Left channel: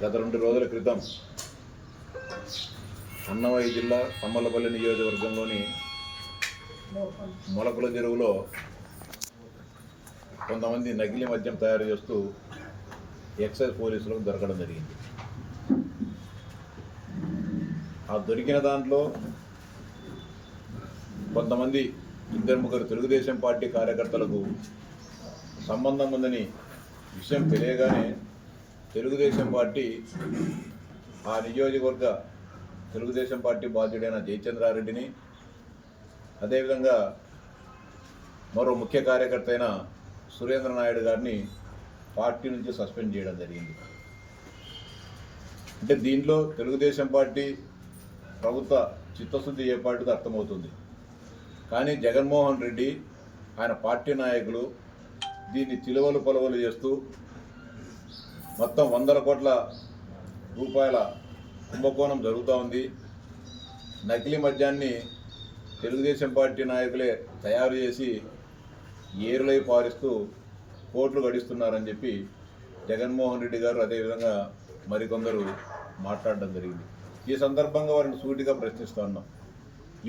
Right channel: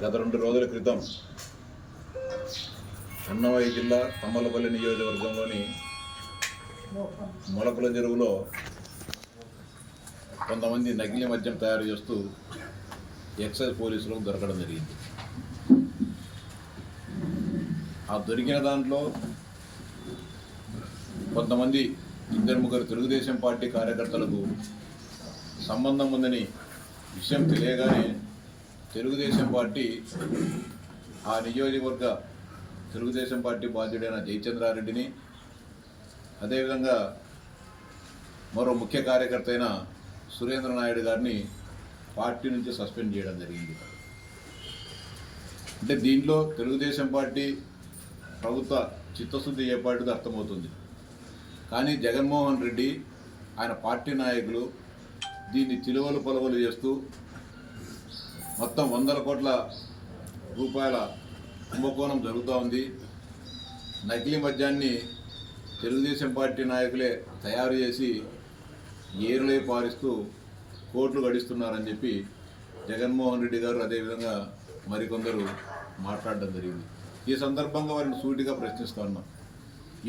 గత 2 రోజుల క్రితం అన్నమయ్య జిల్లా తమ్మలపల్లి నియోజకవర్గంలోని మొలకల చెరువులో కొంతమంది నకిలీ మద్యం తయారు చేస్తూ ఎక్సైజ్ పోలీసులకు దొరకడం జరిగింది. ఆ దొరికిన దాంట్లో కొంతమంది 2-3 తెలుగుదేశం పార్టీ కార్యకర్తలకు సంబంధం ఉందని విషయం తెలియగానే తెలుగుదేశం పార్టీ ఆ నియోజకవర్గ తెలుగుదేశం పార్టీ బాధ్యుడైన జయచంద్రారెడ్డిని, అదేవిధంగా మరో ముఖ్య కార్యకర్త అయిన సురేంద్ర నాయుడు గారిని పార్టీ నుంచి సస్పెండ్ చేయడం జరిగింది. అంటే దీంట్లో తెలుగుదేశం పార్టీ ప్రభుత్వ చిత్తశుద్ధి ఏర్పాటుది అర్థమవుతుంది. కానీ జగన్మోహన్ రెడ్డి ఆయన పార్టీ నాయకులు దీన్ని చిలువలు పొలవలు చేస్తూ మొత్తం 100 కోట్ల రూపాయల కుంభకోణం జరుగుతూ ఉంది. నకిలీ మద్యాన్ని తెలుగుదేశం పార్టీ నాయకులే తయారు చేసి ఏరులై పారిస్తూ కోట్లు గడిస్తున్నారని చెప్పి జగన్మోహన్ రెడ్డి గారు అదేవిధంగా మరికొందరు మాట్లాడడం జరిగింది. ఈ సందర్భంగా వారిని సూటిగా ప్రశ్నిస్తూ ఉన్నాం.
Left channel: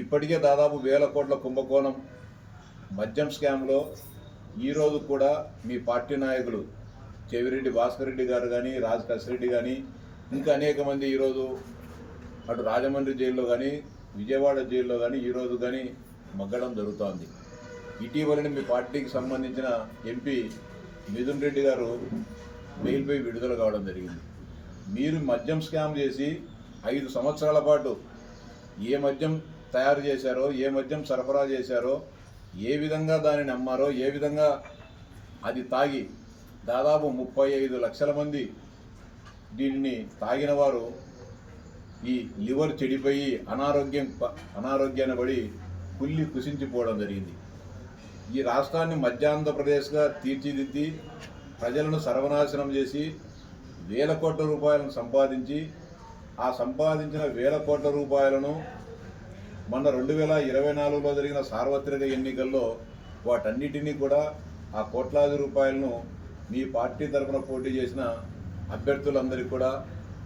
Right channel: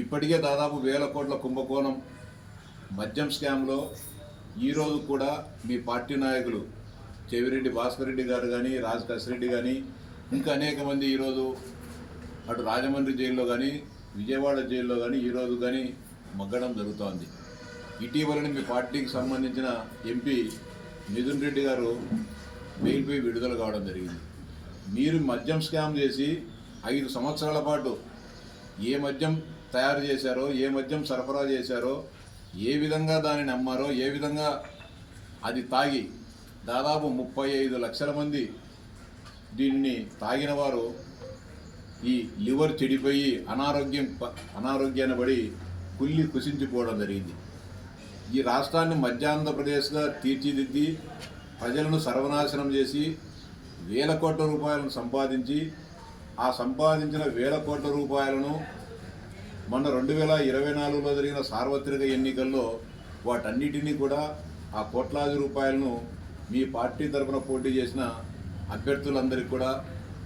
ఇప్పటికే దాదాపు 1000 కోట్ల కుంభకోణం మద్యం స్కామ్లో ఈరోజు కూడా మీ పార్టీ నాయకులు చెవిరెడ్డి భాస్కర్ రెడ్డి గారు కానీ, రాజ్ కసిరెడ్డి కానీ, ఇంకా అనేక మంది ఈరోజు అటు రాజమండ్రి జైల్లో కానీ, విజయవాడ జైల్లో కానీ ఈరోజు కానీ మగ్గడం జరుగుతోంది. ఇటీవలని మీ పార్టీకి సంబంధించిన ఎంపీ మిథున్ రెడ్డి గారు బెయిల్పై విడుదల కావడం జరిగింది. మీరు మద్యం స్కామ్ చేసి 5 సంవత్సరాల పాటు ఏ మద్యం తయారు చేశారో, ఏ మద్యం సరఫరా చేశారో, ఏ విధంగా దానిని అమ్మారో, ఏ విధంగా అది తాగి దాదాపు 35 లక్షల మంది దీన్ని తాగిన వారు ఈ లివర్ చెడిపోయి అనారోగ్యాన్ని పడి కుళ్ళి కుసించిపోవడం జరిగింది. ఈ రాష్ట్రాన్ని మధ్యాంధ్రప్రదేశ్గా తీర్చిదిద్ది ప్రజలను సర్వనాశనం చేసి 1000 కోట్ల రూపాయలను సంపాదించి ఆ సంపాదించిన 1000 కోట్ల రూపాయలను మొన్న 2024లో జరిగిన సార్వత్రిక ఎన్నికల్లో వాటన్నిటినీ కూడా ఆ కోట్లాది రూపాయలను మీ పార్టీ తరఫున పోటీ చేసిన అభ్యర్థులందరికీ కూడా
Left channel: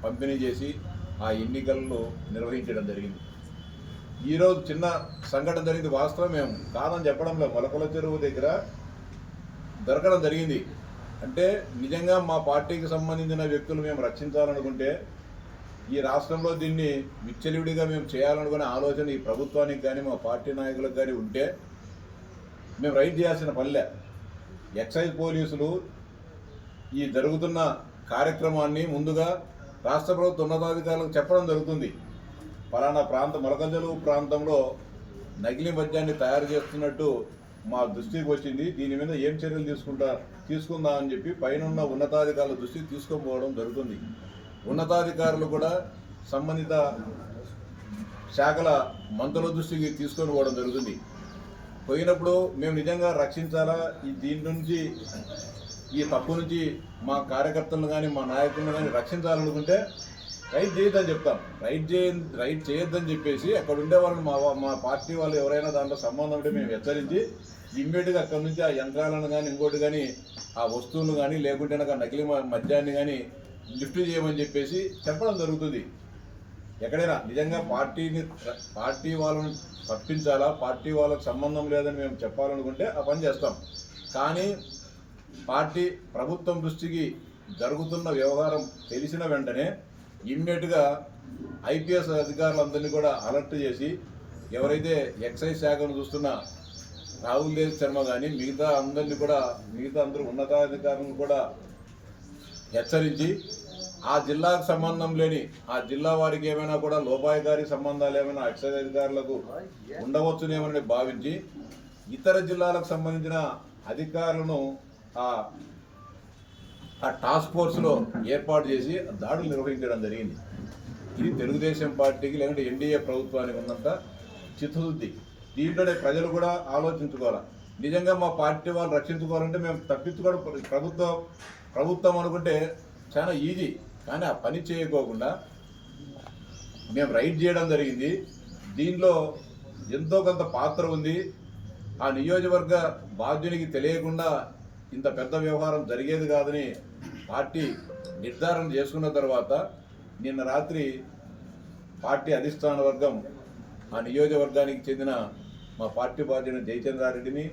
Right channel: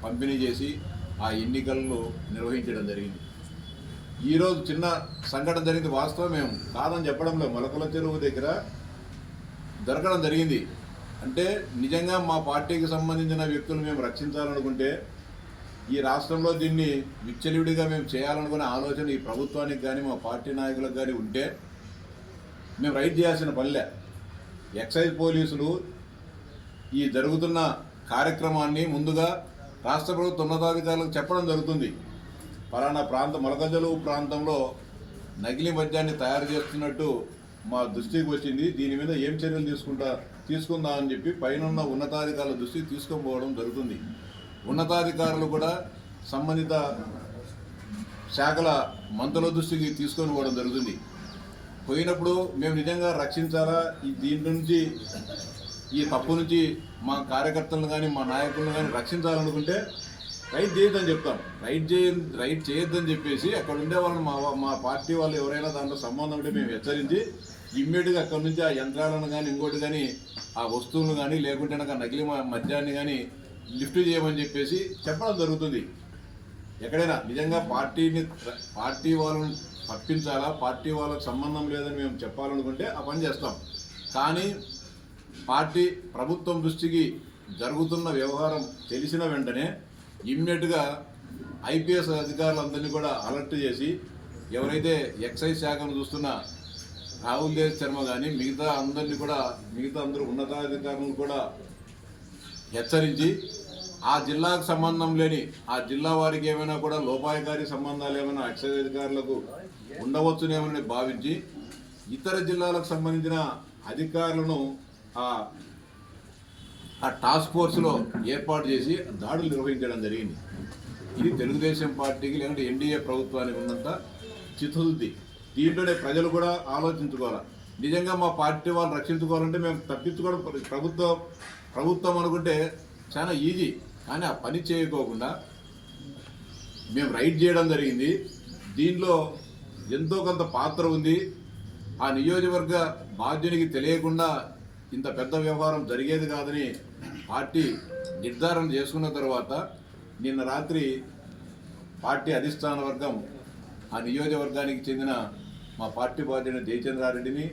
పంపిణీ చేసి ఆ ఎన్నికలను నిర్వహించడం జరిగింది. ఈరోజు చిన్న సంఘటన జరిగింది, వాస్తవం మేము కాదని చెప్పడంలో మొలకల చెరువు దగ్గర దొరకడం జరిగింది. అంటే నిజంగా మా పార్టీకి సంబంధించిన వ్యక్తులు మేము రక్షించాలనుకుంటే, ఈ రాష్ట్రంలో దీన్ని విచ్చలవిడిగా మేము చేయాలనుకునే ఆలోచన ఈ ప్రభుత్వానికి కానీ మా పార్టీ నాయకులకు కానీ ఉంటే మేము రైడ్ చేయాల్సిన పనిలే. ఎక్సైజ్ పోలీసులు ఈ జరుగుతున్న కార్యక్రమాన్ని ముందుగా రాష్ట్ర ప్రభుత్వ ఉన్నతాధికారులకు చెప్పడం జరుగుతుంది. పలానా మొలకజలువు ప్రాంతంలో నకిలీ మద్యాన్ని తయారు చేస్తున్నట్టు మా దృష్టికి వచ్చింది, దీని మీద ఏం చర్యలు తీసుకుందామని చెప్పి పైన ఉన్నతాధికారుల దృష్టికి తీసుకొని జరుగుతుంది. ఉన్నతాధికారులు కూడా సంబంధిత శాఖల మంత్రుల దృష్టికి తీసుకొని పోవడం జరుగుతుంది. పోయినప్పుడు మేము నిజంగా రక్షించాలా, దీని నుంచి ఈ తప్పు నుంచి మా కార్యకర్తలను కానీ మా నాయకులను కానీ రక్షించాలనుకుంటే రైడ్ చేయొద్దని చెప్తాం. రైడ్ చేయొద్దని చెప్పేసి అక్కడ ఉండే వాళ్ళని మా పార్టీ వాళ్ళు ఎవరైనా దాంట్లో సంబంధం ఉంటే మేము హెచ్చరించి ఇమ్మీడియట్గా అక్కడ నుంచి ఆ యంత్రాలను కానీ ఇంకోటి కానీ ఆ వస్తువులను కానీ లేకుంటే నకిలీ మద్యాన్ని కానీ లిఫ్ట్ చేయమని చెప్పేసి చెప్పడం జరుగుతుంది. ఎక్కడైనా నిజంగా పార్టీ వాళ్ళని తప్పించాలా, పార్టీ వాళ్ళకి సంబంధం లేదని మేము చెప్పాలనుకుంటే ఆ పని చేస్తాం. కానీ ప్రభుత్వం దృష్టికి జరుగుతున్న వ్యవహారం తెలిసిన వెంటనే ఇమ్మీడియట్గా ఐపీఎస్ అధికారులందరినీ కూడా అలర్ట్ చేసి ఎవరైతే ఎక్సైజ్ శాఖను చూస్తున్న రాహుల్ దేవ్ శర్మ కానీ మిగతా అందరూ ఉన్నతాధికారులను కూడా హెచ్చరించి ఆ జిల్లాకు సంబంధం లేని ఆ జిల్లా వారికి ఏమైనా కూడా లోపాయకారి సంబంధాలు ఏమైనా ఎక్సైజ్ అధికారులకు ఉండవచ్చునేమని భావించి ఇతర జిల్లాలకు సంబంధించిన అధికారులను ఆ టాస్క్ ఫోర్స్లో ఏర్పాటు చేసి దాడులు నిర్వహించడం జరిగింది. ఇది తెలుగుదేశం పార్టీకి లేకుంటే ఎన్డీఏ ప్రభుత్వానికి ఉన్నంత చిత్తశుద్ధి. దీంట్లోనే ప్రజలు కూడా ఆలోచించుకోవాలి. నిజంగా మా పార్టీ వాళ్ళు రక్షించుకోవాలంటే మేము తప్పించుకోవడం ప్రభుత్వం అనుకుంటే చాలా ఈజీ. కానీ ఆ పని చేయకోకుండా మేము రైడ్ చేయడం జరిగింది. దీనిలో ఎంతో కొంత పాత్ర ఉంది. ఆ నియోజకవర్గ బాధ్యునికి తెలియకుండా ఇంత పెద్ద వ్యవహారం జరిగేది కాదని పార్టీ నిర్ధారణ చేసుకున్న తర్వాత నిన్న రాత్రి పార్టీ అధిష్టాన వర్గం ఆ నియోజకవర్గానికి చెందిన మా పార్టీ బాధ్యుని జయచంద్రారెడ్డిని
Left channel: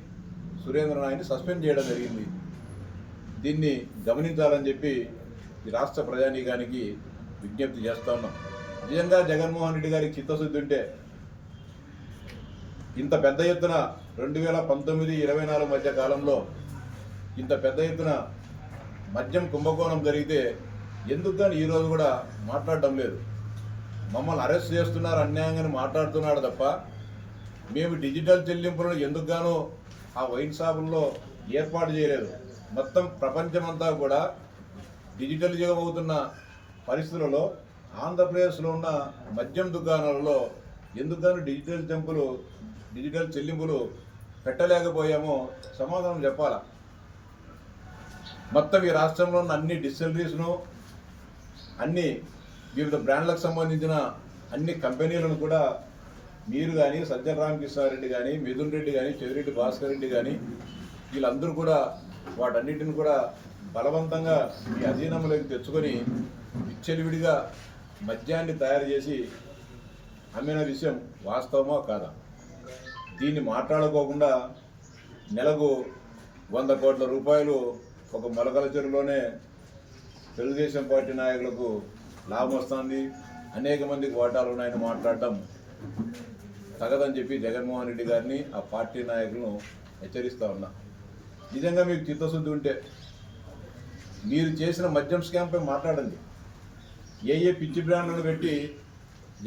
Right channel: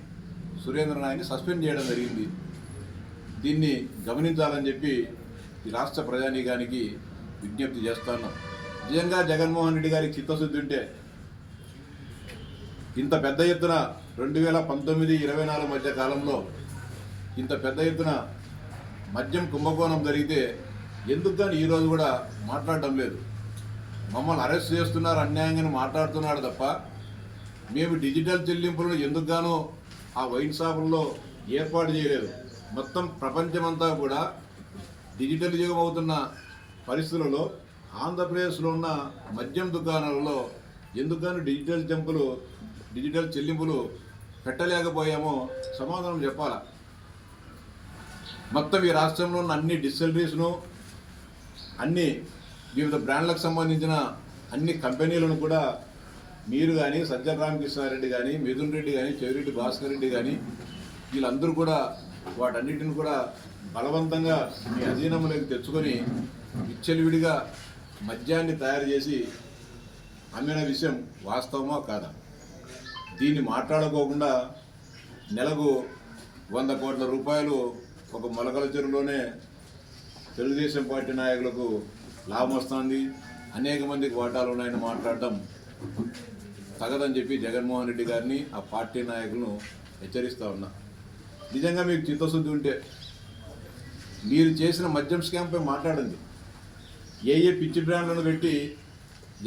సురేంద్ర నాయని సస్పెండ్ చేయడం జరిగింది. దీన్ని గమనించాలని చెప్పి ఈ రాష్ట్ర ప్రజానీకానికి విజ్ఞప్తి చేస్తున్నాం. నిజంగా జగన్మోహన్ రెడ్డి గారికి చిత్తశుద్ధి ఉంటే ఇంత పెద్ద ఎత్తున 2019-24 మధ్య కాలంలో ఇంత పెద్ద ఎత్తున మద్యం కుంభకోణం జరిగితే ఎందుకు కానీ ఈరోజు కూడా మాట్లాడడం లేదు. మమ్మల్ని అరెస్ట్ చేస్తున్నారు, అన్యాయంగా మాట్లాడుతున్నాడు తప్ప మేము డిజిటల్ చెల్లింపులను ఎందుకు గానో ఆ వైన్ షాపుల్లో ఏర్పాటు చేయలేదు. మొత్తం ప్రపంచమంతా కూడా డిజిటల్ యుగం అవుతున్న పరిస్థితులలో ఆంధ్రప్రదేశ్లో ఉన్న మద్యం దుకాణాలలో ఎందుకు గాను డిజిటల్ చెల్లింపులు పెట్టలేకపోయామో సమాధానం చెప్పాలా. మొత్తం ఈ రాష్ట్రంలో ఉన్న అన్ని డిస్టిలరీస్ను, అన్ని వివిధ బ్రాండ్లకు సంబంధించిన అన్ని కంపెనీలను కూడా మీరు కానీ, సజ్జల రామకృష్ణారెడ్డి కానీ, మిథున్ రెడ్డి కానీ, చెవిరెడ్డి భాస్కర్ రెడ్డి కానీ వీళ్ళందరూ కూడా వాటన్నిటిని కూడా బలవంతంగా మీ అధీనంలోకి తెచ్చుకొని విచ్చలవిడిగా మద్యాన్ని తయారు చేసి అమ్మిన విషయం వాస్తవమా కాదా? దీన్ని మాట్లాడుకోకుండా నెలకు 100 కోట్ల రూపాయలు ఒక మొలకల చెరువులోనే తెలుగుదేశం పార్టీ నాయకులకు లాభం వస్తుంది, అనేక మందికి వాటాలు ఉన్నాయని మాట్లాడడం తగదని చెప్పి జగన్మోహన్ రెడ్డి గారిని ఆ పార్టీ నాయకులను హెచ్చరిస్తూ ఉన్నా. నిజంగా మీకు చిత్తశుద్ధి ఉంటే మీరు చేసిన మద్యం స్కామ్పై మాట్లాడండి. ఏ పిచ్చి బ్రాండ్లను పెట్టి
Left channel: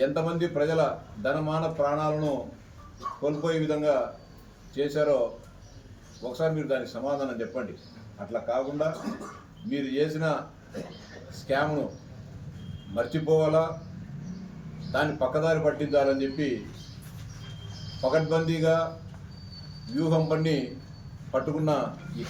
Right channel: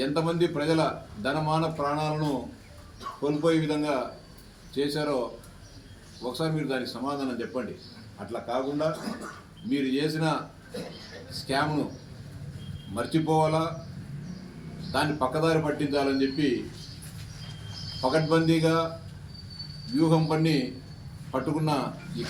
ఎంతమంది ప్రజల ధనమాన ప్రాణాలను కోల్పోయే విధంగా చేశారో ఒకసారి మీరు దానికి సమాధానం చెప్పండి. అట్లా కాకుండా మీరు చేసిన స్కామ్ను మర్చిపోవాలా, దాన్ని పక్కదారి పట్టించాలని చెప్పి పకడ్బందీగా వ్యూహం పన్ని పట్టుకున్న ఈ